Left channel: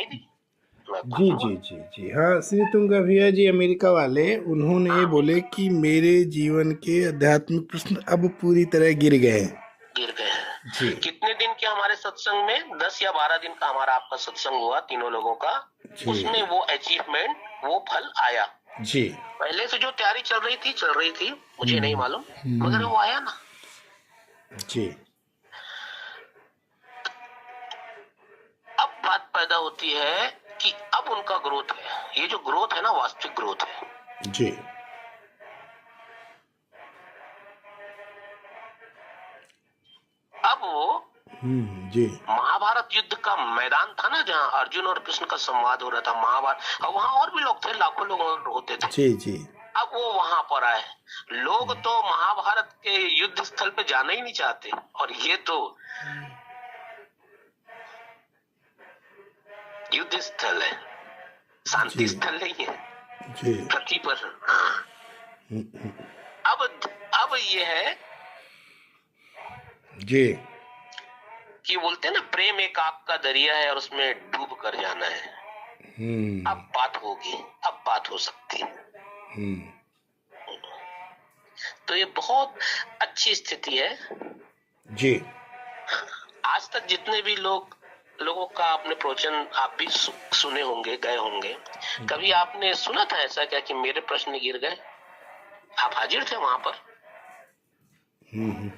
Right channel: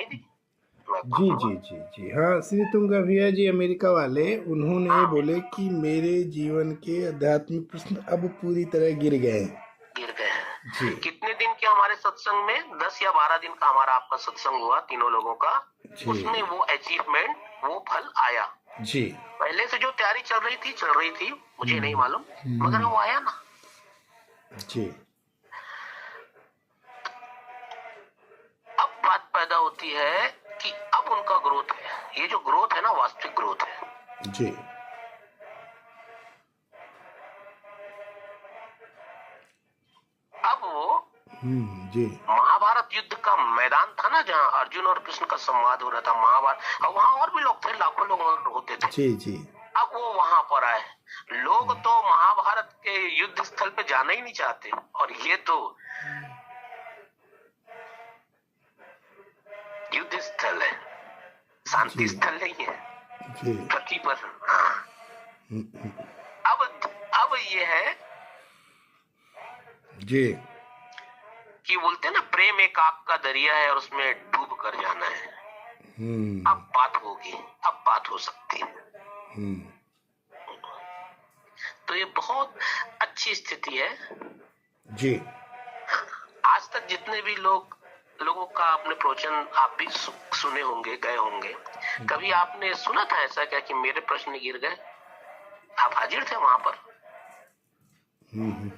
दिखाई दी। मैं जी पागल जी हुआ। जी जी हाँ, श्री तुंगा भैया जी अमेरिका वाले, उन्होंने हाँ, बोले कि मेरे जीवन के आध्यात्मिक प्रश्न अब पूरी तरह गिर गए हैं। गिर गए हैं। जी कितने दिन के हमारे सत्संग में, 10 या 12 दिन का हमारा आपका सत्संग हुआ तीनों लोगों का, जी उसमें वो अचीवमेंट, वो फल आया। जी पहले से जो तैयारी चल रही थी, मुझे नहीं मालूम, मगर हम्म, वो आया ना। जी अब बात पैदा होती है कि अब उनका ग्रोथ है, ये जो ग्रोथ है ना, वास्तविक ग्रोथ है। जी अब वो जी महाभारत युद्ध का मैदान था ना, जहाँ अर्जुन और कृष्ण का संवाद हो रहा था, महाभारत, और वहां और भी लोग थे, लाखों लोग होते थे। जी जी अब वो वहां पर आए। लोग तो महाभारत के युद्ध स्थल पे जाना ही नहीं चाहते, और ये तो युद्ध स्थल है, शांति जी स्थल नहीं है जी पृथ्वी पर। अब ये है जी कि बोलते हैं ना, प्रेम एक आग का दरिया है और उसमें डूब कर जाना है। अब बात होगी, अब बात हो सकती है। तो ये बहुत अच्छी स्थिति है। जी आज तक जितने भी लोगों का आपने प्रवचन आप भी सुने होंगे, गए होंगे, कभी आपने सुना था ऐसा क्या कि मेरे प्रश्न गिर गए? आप हाजिर थे वहां पर?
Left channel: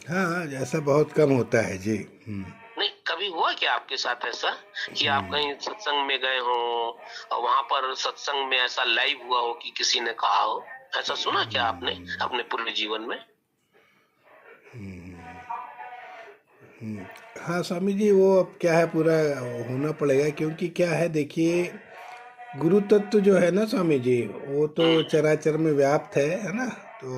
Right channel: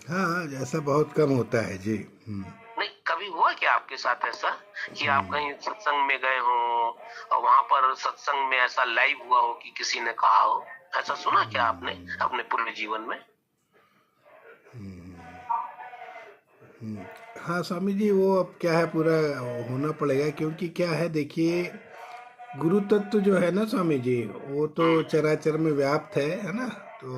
हाँ, ऐसा बहुत कम होता है जी। नहीं, कभी हुआ क्या आपके साथ ऐसा कि आप कहीं सत्संग में गए हो और वहां पर सत्संग में ऐसा लाइव हुआ हो कि किसी ने कहा हो? ऐसा सुना क्या आपने अपने पूर्व जीवन में? हाँ स्वामी जी, वो अब क्या है, पूरा होना पड़ेगा, क्योंकि क्या है देखिए, गुरु तत्व जो है ना स्वामी जी, वो तो चराचर में व्याप्त है ना। तो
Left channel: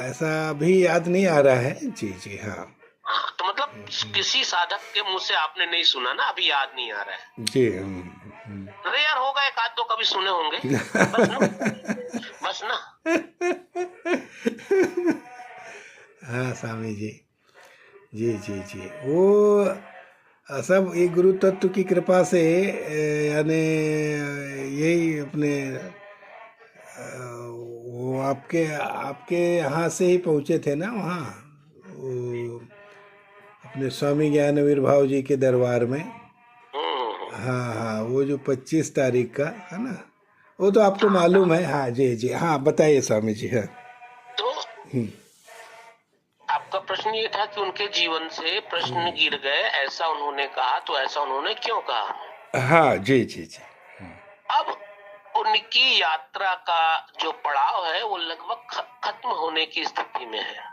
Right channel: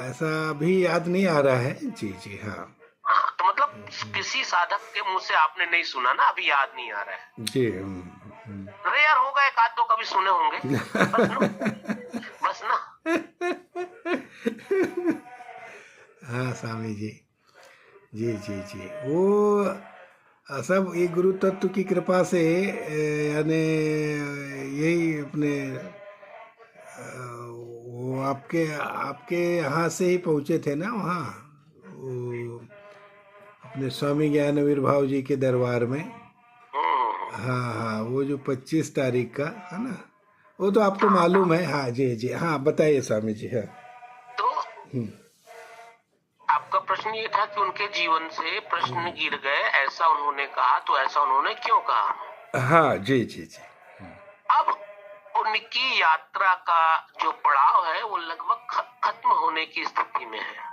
ऐसा अभी याद नहीं आ रहा है। जी जी हाँ। हाँ, तो मतलब किसी साधक के मुंह से आपने नहीं सुना ना, अभी याद नहीं आ रहा है। जी अरे यार, होगा एक आध दो कभी सुने होंगे, बस ना, बस ना। हाँ स्वामी जी, जी जी जी, वो सब ये गुरु तत्व की कृपा से, यानी यही अपने वो आपके आपके यहाँ से ही पहुँचे थे ना वहाँ, वो अपने स्वामी ज्ञान आविर्भाव जी के दरबार में। हाँ हाँ, वो जो 25 तारीख का है ना, वो तो आपको मालूम है। हाँ जी जी हाँ, बताइए स्वामी जी। हाँ तो आपका प्रश्न ये था कि उनके जीवन से प्रश्न गिर गए, ऐसा उन्होंने कहा, तो ऐसा उन्होंने क्यों कहा? हाँ जी जी जी अब उनकी यात्रा का जो पड़ाव है वो लगभग खत्म होने की स्थिति में है।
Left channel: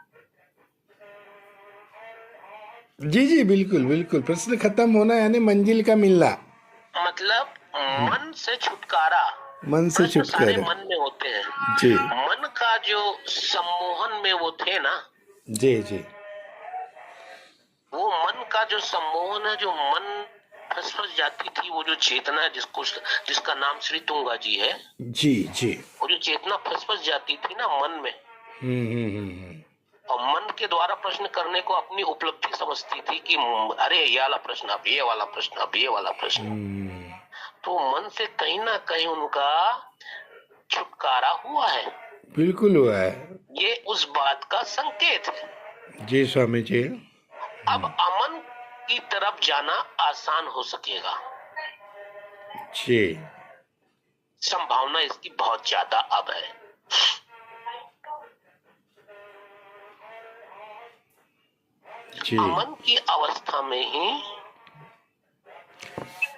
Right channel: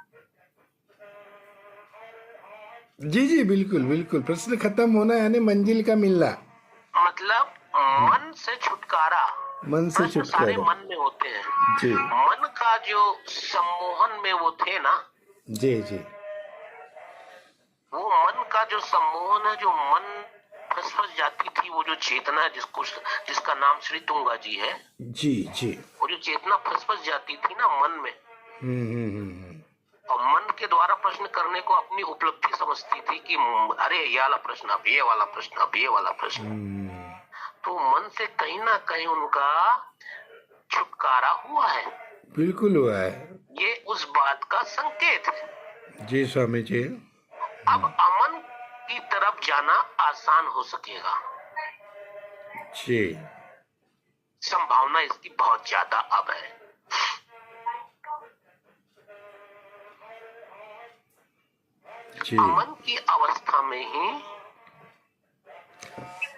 जी जी, बिल्कुल बिल्कुल, प्रश्न खत्म होना यानी मंजिल का मिलना, मतलब मन से छुटकारा। मन से प्रश्न सारे छुटकारा। मन में होते हैं। जी मन का जो सम्मोहन में वो थे ना, जी जी वो मन का जो सम्मोहन है, जो मन फंस जाती थी, वो जो चेतना जिसका नाम श्री तुंगा जी है, जी जी वो जो चेतना फंस जाती थी ना मन में, हम्म। और मन के द्वारा प्रश्न करने को अपनी उपलब्धि समझती थी कि अरे ये वाला प्रश्न, अब ये वाला प्रश्न, अब ये वाला प्रश्न। तो मन से कहीं ना कहीं उनका छुटकारा हुआ है। बिल्कुल हुआ है। ये उस बात का संकेत है। जी स्वामी जी। अब अमन की तरफ जाना आसान हो सकेगा, जी संभावना इसकी बहुत ज्यादा अब है। जी अमन की अवस्था में ही।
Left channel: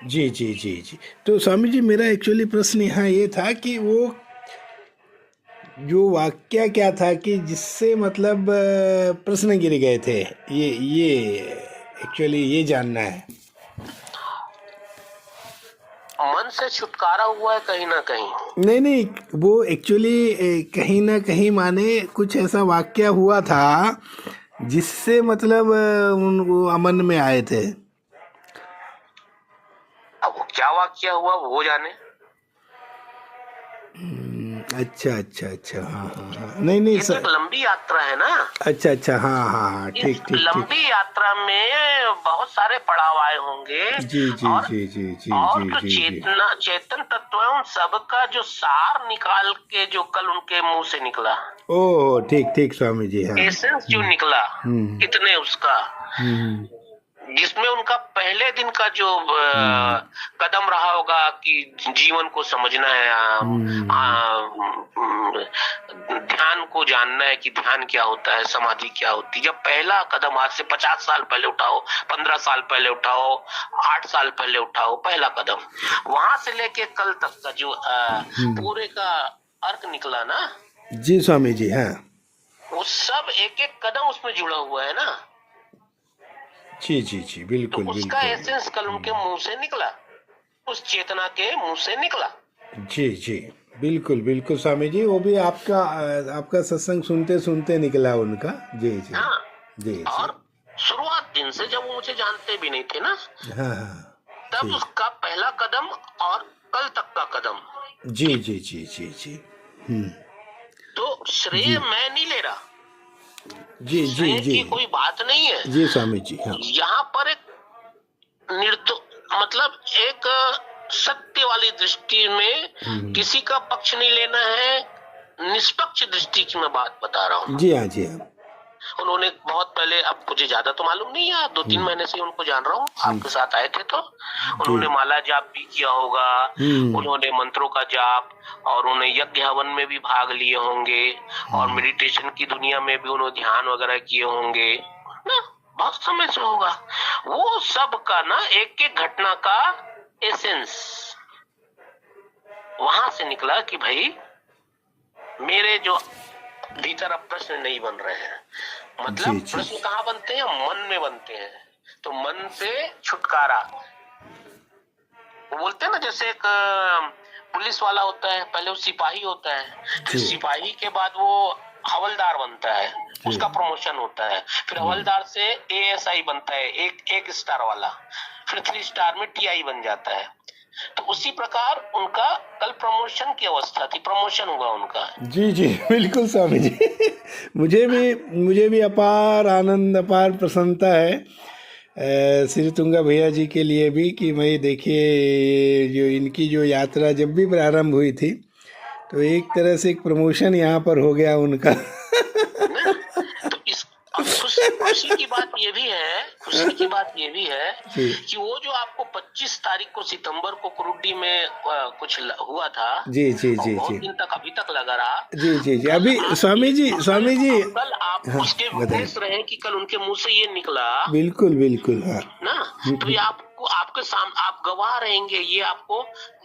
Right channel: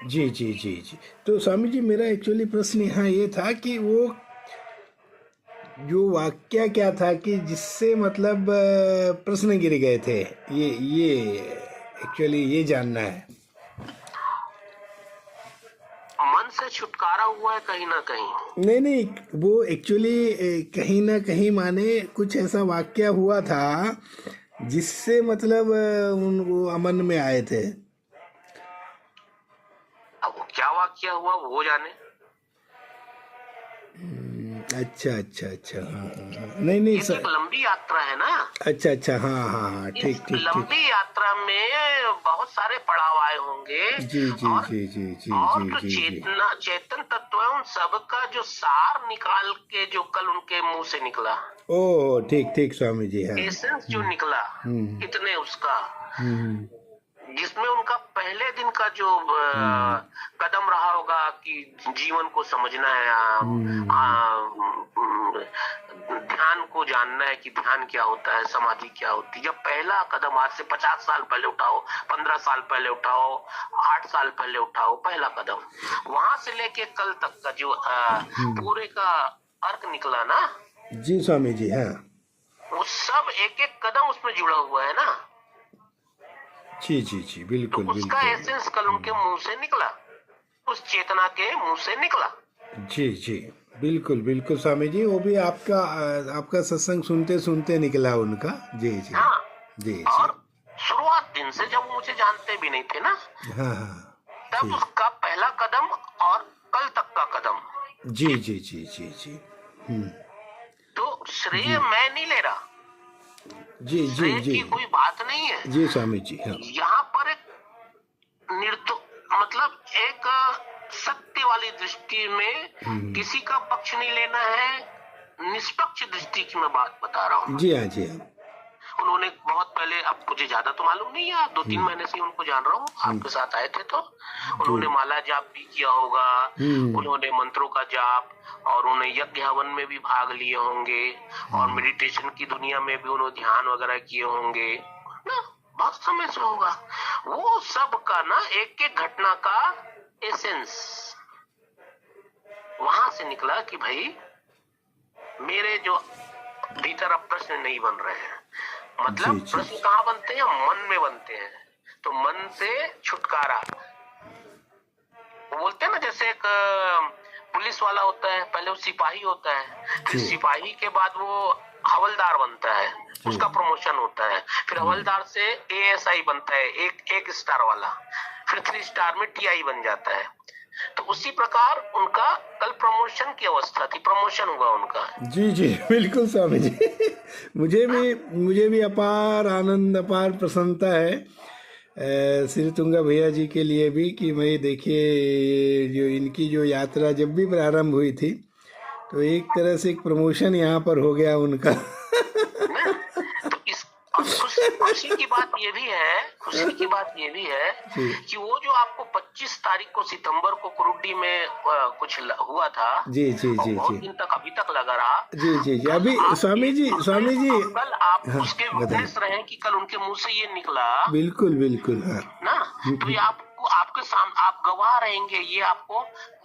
जी जी जी जी, तो स्वामी जी मेरा एक्चुअली प्रश्न यहाँ ये था कि वो जो वाक्य क्या था कि जिससे मतलब प्रश्न गिर गए थे, ये एक्चुअली ये जानना है। मन से छुटकारा हुआ है कहीं ना कहीं। नहीं नहीं, वो एक्चुअली कहीं ना कहीं माने कुछ ऐसा वाक्य हुआ था जिससे मतलब उनको अमन में आए थे। अब वो क्या वाक्य हुआ वो जाने। अच्छा अच्छा अच्छा, हाँ हाँ हाँ, नहीं नहीं ये तो एक लंबी यात्रा है ना। अच्छा अच्छा, हाँ हाँ हाँ, ठीक ठीक ठीक। लंबी यात्रा में बहुत सारे पड़ाव आए होंगे। जी जी और जी जी जी और जी जो जी जी चेतन तत्व है उन सबका जो सार निकाल के जो कल उनके मुंह से निकला, ओह ठीक ठीक स्वामी जी, हाँ। एसेंस जो निकला, हम्म कितने उसका, हम्म जिसमें उनका पहले दिन का जो हम्म कदम रहा होगा कि जीवन को समझना है, ध्यान को जानना है कि ध्यान क्या होता है, समाधि क्या होती है। जब पहला कदम आज से 50 साल पहले उठाओ, 15 साल पहले उठाओ, 8 साल पहले उठाओ, पहला कदम वहां से लेके कल तक का जो पूरे का अर्थ निकला ना, जी स्वामी जी, हाँ। वो सब एक एक कदम उसमें जुड़ा हुआ है ना। जी जी जी, तो बिल्कुल उसका बिल्कुल। एसेंस कल उनके मुंह से निकला, उस चेतना के मुंह से निकला। जी जी, बिल्कुल बिल्कुल स्वामी जी, वो भी आपका सत्संग सुनते सुनते निकला उनका। जी जी हाँ, जी जी, और शुरुआत दिन से जब वो मुझे जानते भी नहीं थे ना, हाँ हाँ, तब ठीक। उसका पहला कदम और कल तक का कदम। जी जी जी जी जी, तो श्रेय जी मैं नहीं ले रहा, जी जी श्रेय जी की कोई बात नहीं है जी स्वामी जी, हाँ। यहाँ पर। एक मतलब एक सत्य वाली दृष्टि में किसी का पक्ष नहीं लेना है, निष्पक्ष दृष्टि की मैं बात बता रहा हूँ। जी हाँ, जी हाँ। उन्होंने बहुत पहले, अब मुझे ज्यादा तो मालूम नहीं है, 2-3 महीने से उनको जान रहा हूँ, आपके साथ आए थे तो उन्होंने माला जाप भी किया होगा, उन्होंने मंत्रों का जाप, और उन्हें यज्ञ हवन में भी भाग लिए होंगे, और मेडिटेशन की दुनिया में भी उन्होंने ध्यान वगैरह किए होंगे ना, बहुत समय से होगा। वो सब का ना एक एक घटना का एसेंस वहां से निकला कि भाई मेरे जो भीतर अब प्रश्न नहीं बन रहे हैं। मतलब जी, प्रश्न कहाँ बनते हैं? मन में बनते हैं। तो मन से छुटकारा, वो बोलते हैं ना, जैसे एक पुलिस वाला होता है, पहले वो सिपाही होता है, फिर सिपाही के बाद वो हवलदार बनता है, उसका प्रमोशन होता है, फिर हवलदार से एएसआई बनता है, एक स्टार वाला, फिर 3 स्टार में टीआई बन जाता है। तो उसी प्रकार उनका कल प्रमोशन की अवस्था थी, प्रमोशन हुआ उनका। जी जी, बिल्कुल स्वामी जी। मुझे भी अपार आनंद, अपार प्रसन्नता है श्री तुंगा भैया जी के लिए भी, कि मैं देखिए जो इनकी जो यात्रा जब भी प्रारंभ हुई थी, तो एक तरह से एक प्रमोशन यहाँ पर हो गया उनका। तो इस खुशी की बात ये भी है, खुशी की बात ये भी है कि वो जो आपको 25 तारीख को सितंबर को कुरुडी में कुछ हुआ था, जी जी जी बहुत जी, दिन तक अभी तक लगा रहा। जी जी जी, अभी स्वामी जी कल आप उसके विदेश रहे कि कल उनके मुंह से ये निकला। बिल्कुल बिल्कुल, हाँ ना, तो ये आपको, आपके सामने आप गवाह रहेंगे, ये आपको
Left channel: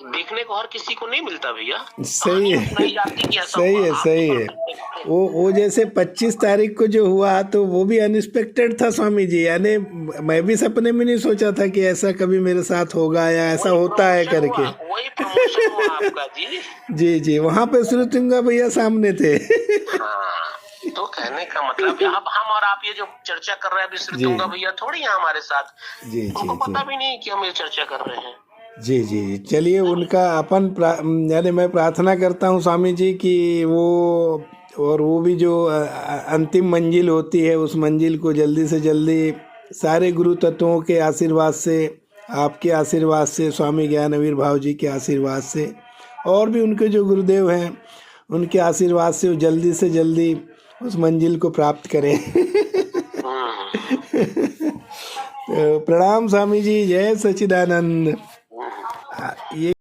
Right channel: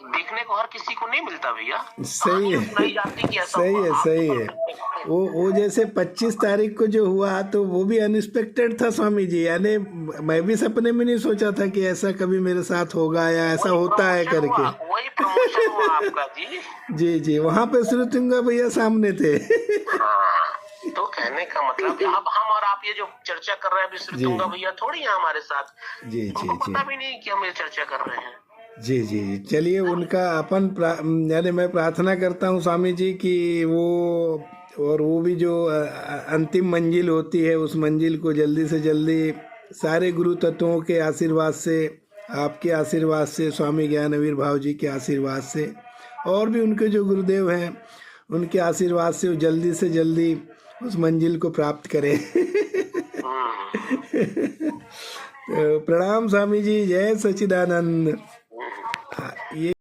देखने को हर किसी को नहीं मिलता भैया। सही है, सही है, सही है। वो जैसे 25 तारीख को जो हुआ, तो वो भी अनएक्सपेक्टेड था स्वामी जी, यानी मैं भी सपने में नहीं सोचा था कि ऐसा कभी मेरे साथ होगा या ऐसा होता है करके। वही प्रमोशन हुआ आपका जी। जी जी, वहाँ पे श्री तुंगा भैया सामने थे। तो कहने का मतलब अब हम और आप ये जो चर्चा कर रहे हैं, अभी श्री तुंगा भैया थोड़ी है हमारे साथ। जी जी जी, पता भी नहीं कि हम ये चर्चा कर रहे हैं। जी जी, चलिए उनका यानी मैं प्रार्थना करता हूँ स्वामी जी कि वो भी जो अंतिम मंजिल होती है, उस मंजिल को जल्दी से जल्दी सारे गुरु तत्वों के आशीर्वाद से, आपके आशीर्वाद से, स्वामी ज्ञानवीर भाव जी के आशीर्वाद से, और भी उनके जो गुरुदेव हैं उनके आशीर्वाद से वो जल्दी से जल्दी उस मंजिल को प्राप्त करें। तो प्रणाम स्वामी जी, जय सच्चिदानंद। ये